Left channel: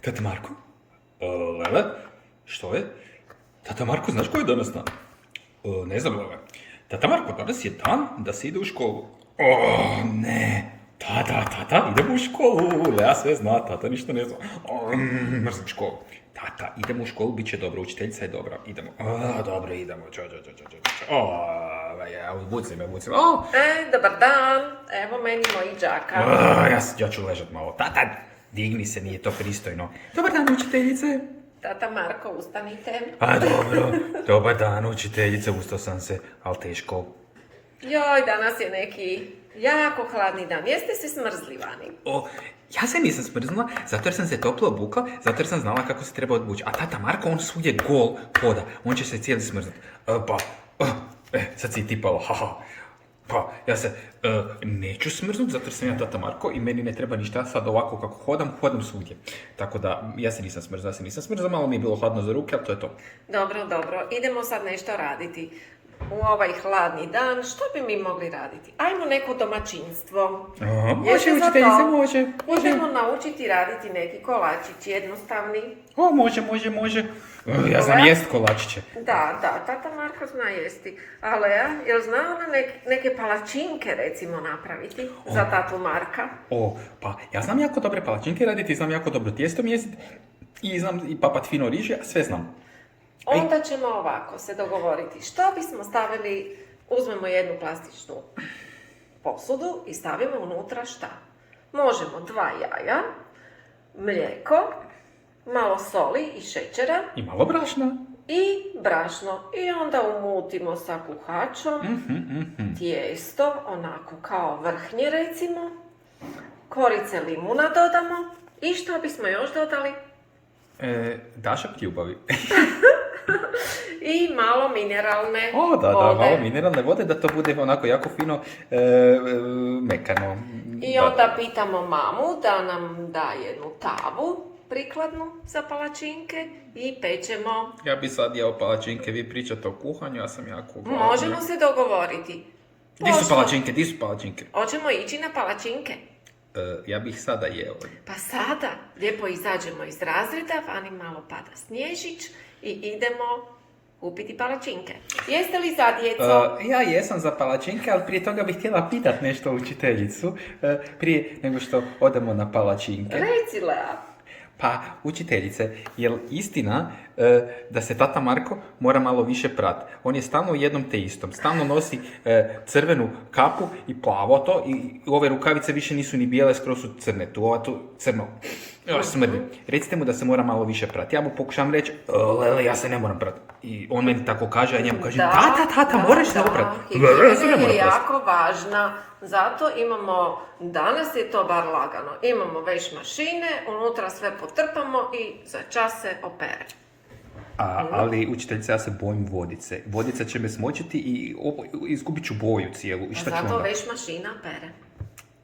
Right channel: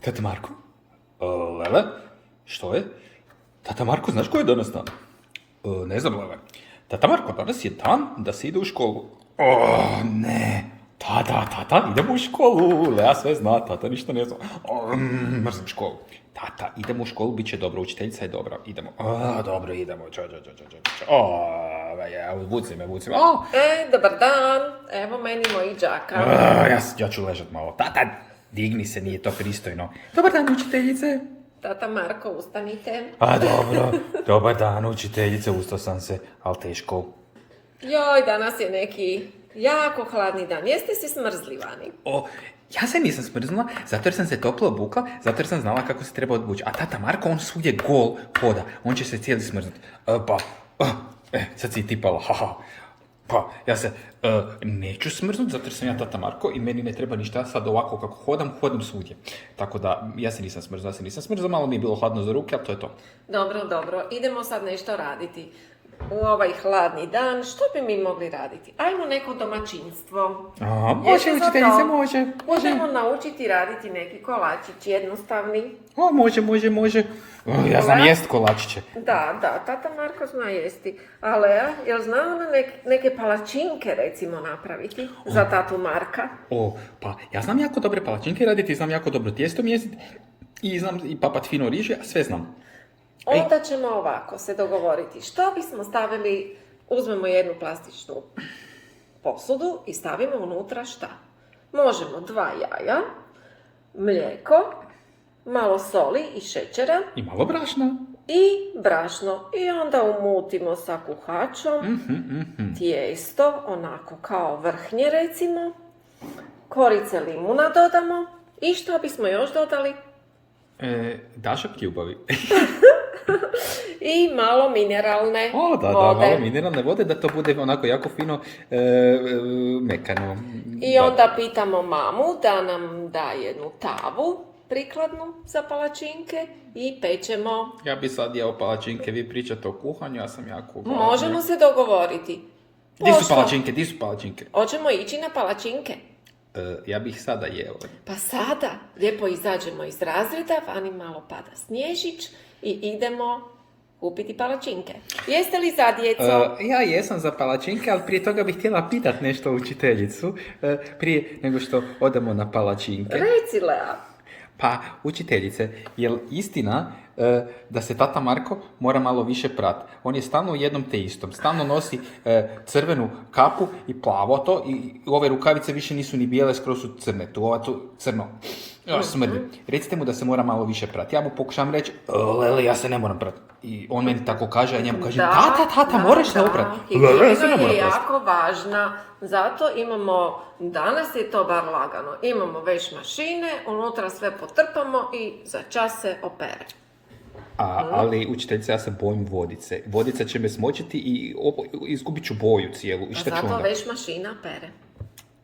Tata Marko? Lele? Što je? Tata Marko, znaš koji je danas dan? Ne znam, Lele. Tata Marko, danas je dan da se ide u školu. Ne. Tata, idemo u školu. Lea sve zna, tata ništa ne zna. Mrzim školu. Tata, idemo u školu, bit će dobro, učiteljica je dobra. Idemo. Dobro, idemo. Vuci me. Dobar dan, evo meni moji đaka. Ja ću ležat malo. Tata, digni se, nije to pristojno. Dobar dan, učiteljice. Tata Marko, ustanite. Dobro. Dobar dan, učiteljice, ustao sam se, ali teško. Joj, danas je neki jako hladni dan. Jeste se smrzli vani? Ja se nisam smrznula, zato jer sam se toplo obukla, zato jer sam znala kako se treba odbući. A tata Marko, on svugdje gol hoda, on će se cijeli smrznut. Sad si tipala, haha. Pa, ja se neću smrznut, zato jer sam ja tata Marko i meni ne treba ništa, sad ovako kako hodam svugdje. Tako da, ja se nisam smrznula, malo mi je bilo hladno za ruke, ali to je to. Dobro, idemo sad nešto raditi. U ovaj hladni dan, što bi mi mogli raditi? Ajmo neko domaćinstvo. Može, Jeste za učiteljice, to? može. Idemo naučiti raditi neki kolačić jednostavni. Može. Ja znam jest kolačiće. Da, tata Marko zna jesti. A Lea, jel zna ona neke palačinke recimo napraviti za tatu Marka? Pa ja znam jako dobre palačinke raditi, znam jako dobro tijesto mjesiti i znam i papat fino riže, sve znam. Onda ćemo ovako se dogovoriti. Što bismo stavili, uzmemo jednu plastičnu posudu i stavimo unutra šta? Možemo 2 jaja, mlijeko, malo soli i šećera. I malo brašna. I brašno. I onda umutimo sa kuhačom tijesto, onako kao vrhnje recimo. Korice limuna dodamo. I što bismo još dodali? Dašak ljubavi. I malo mineralne Da, vode. malo mineralne vode, da to bude onako jako fino mekano. I onda pitamo mamu da nam da jednu tavu prikladnu za palačinke i pečemo. Ja bi sad jeo palačinke, vi pričate o kuhanju, ja sam jako gladan. Možemo se dogovoriti. Di su palačinke? Hoćemo ići na palačinke? Ja bih sada jeo. Pa sada lijepo izađemo iz razreda, vani malo pada snježić i idemo kupiti palačinke. Jeste li za djecu? Ja jesam za palačinke, ali prije toga bih htjela pitat nešto učiteljicu, prije nego što odemo na palačinke. Reci, Lea. Pa, učiteljice, jel istina da se tata Marko mora malo više prat? On je stalno u jednom te istom. Stalno nosi crvenu kapu i plavo to i ove rukavice više nisu ni bijele, skroz su crne. Tu crno. Smrdi. Recite mu da se mora malo više prati. Ja mu pokušam reći, Lele, ja se ne moram prati. I on meni tako kaže, a njemu kaže, tata, moraš se oprati. Higijena je jako važna. Zato imamo, danas je to bar lagano, imamo veš mašine, unutra sve potrpamo i za čas se opere. Ali, učiteljice, ja se bojim vodice. Vodica će me smočiti i izgubit ću boju cijelu. I šta ću onda? Zato veš mašina pere.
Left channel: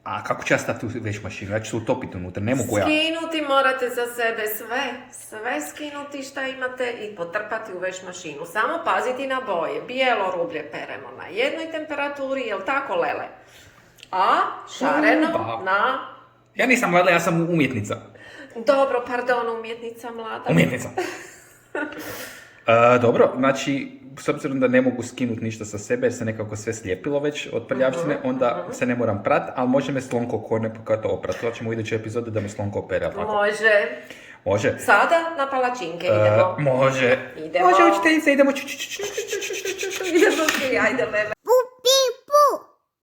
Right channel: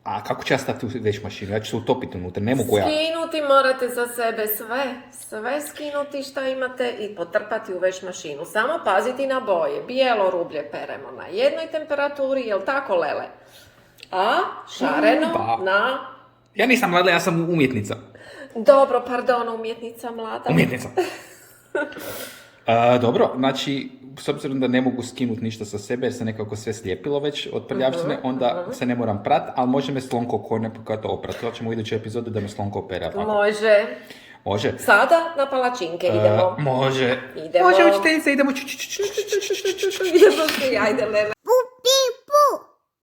A kako ću ja staviti u veš mašinu? Ja ću se utopiti unutra, ne mogu ja. Skinuti morate za sebe sve skinuti šta imate i potrpati u veš mašinu. Samo paziti na boje. Bijelo rublje peremo na jednoj temperaturi, jel tako, Lele? A šareno na... Ja nisam Lele, ja sam umjetnica. Dobro, pardon, umjetnica mlada. Umjetnica. Dobro, znači, s obzirom da ne mogu skinuti ništa sa sebe jer se nekako sve slijepilo već od prljavštine, onda se ne moram prat, ali može me Slonko to oprat. To ćemo u idućoj epizodi da me Slonko opere. Može. Sada na palačinke idemo. Može. Idemo. Može, učiteljice, idemo. Idemo svi, ajde, Lele.